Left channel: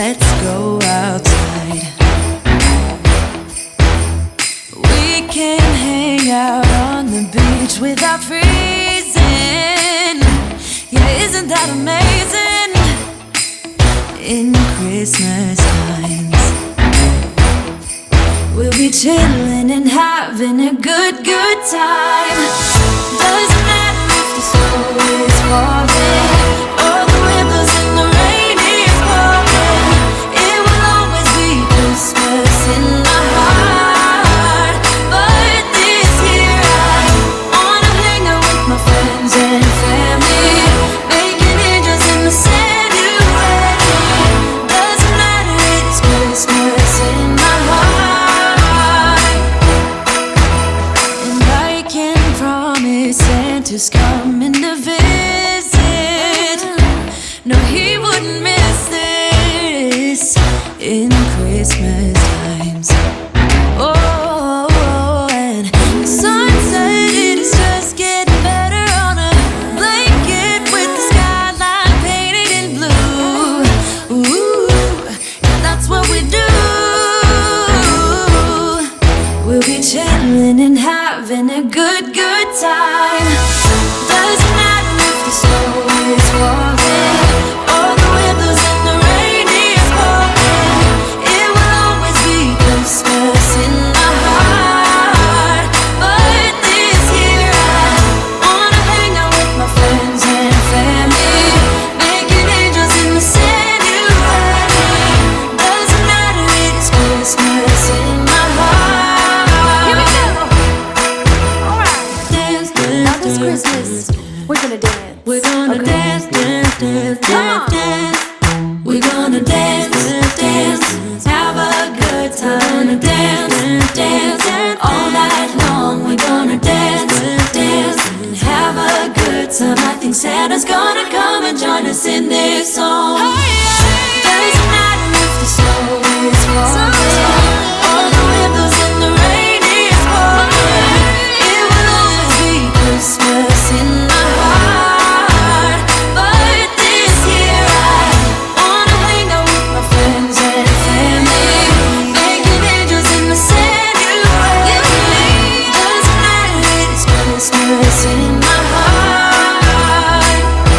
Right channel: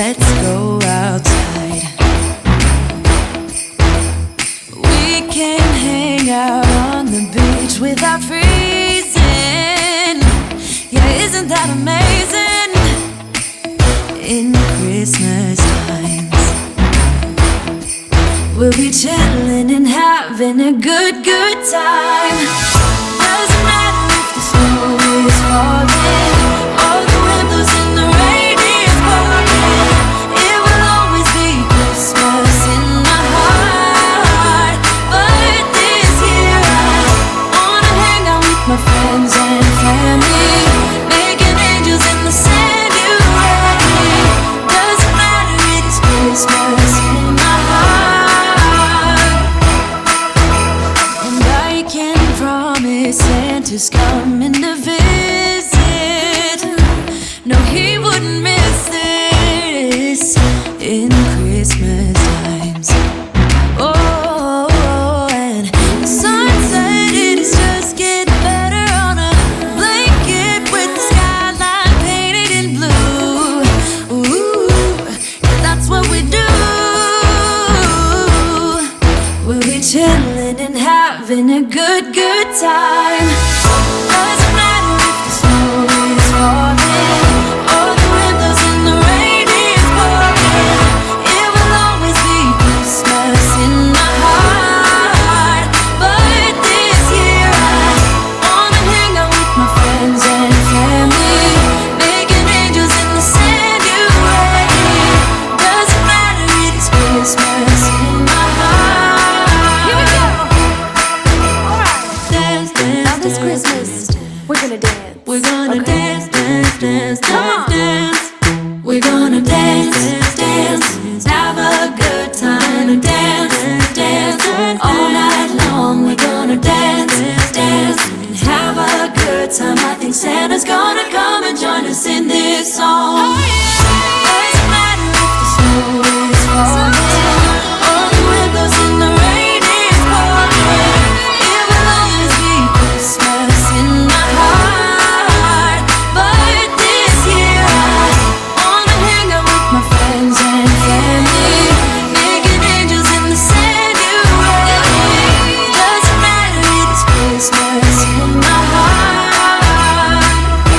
let's go outside. We can hang out on the beach without freezing. Yeah, isn't that amazing? In Christmas times, we'll be chilling and having a good time. Doesn't matter if the snow is falling or the wind blows and the rain is pouring. It will always be Christmas in my heart. But this year I wanna hang out with my friends and family, making angels in the sand. You ready? Doesn't matter, it is Christmas in my heart. And I can promise Santa's coming to visit. No, he wouldn't miss this in Christmas times. Oh, and the sun said it is just getting better on a blanket with the skyline painted in blue. Ooh, yeah, that's what we do. We'll be chilling and having a good time. Doesn't matter if the snow is falling or the wind blows and the rain is pouring. It will always be Christmas in my heart. But this year I wanna hang out with my friends and family, making angels in the sand. You ready? Doesn't matter, it is Christmas in my heart. Here we go. All right. Dance, dance, now this Christmas, we're gonna dance. We're gonna dance, dance, dance, come on. Dance. We're gonna dance, dance, have a good time. Dance, dance, all night long. We're gonna dance, dance, and have a good time. I think Santa's gonna come and join us in this song.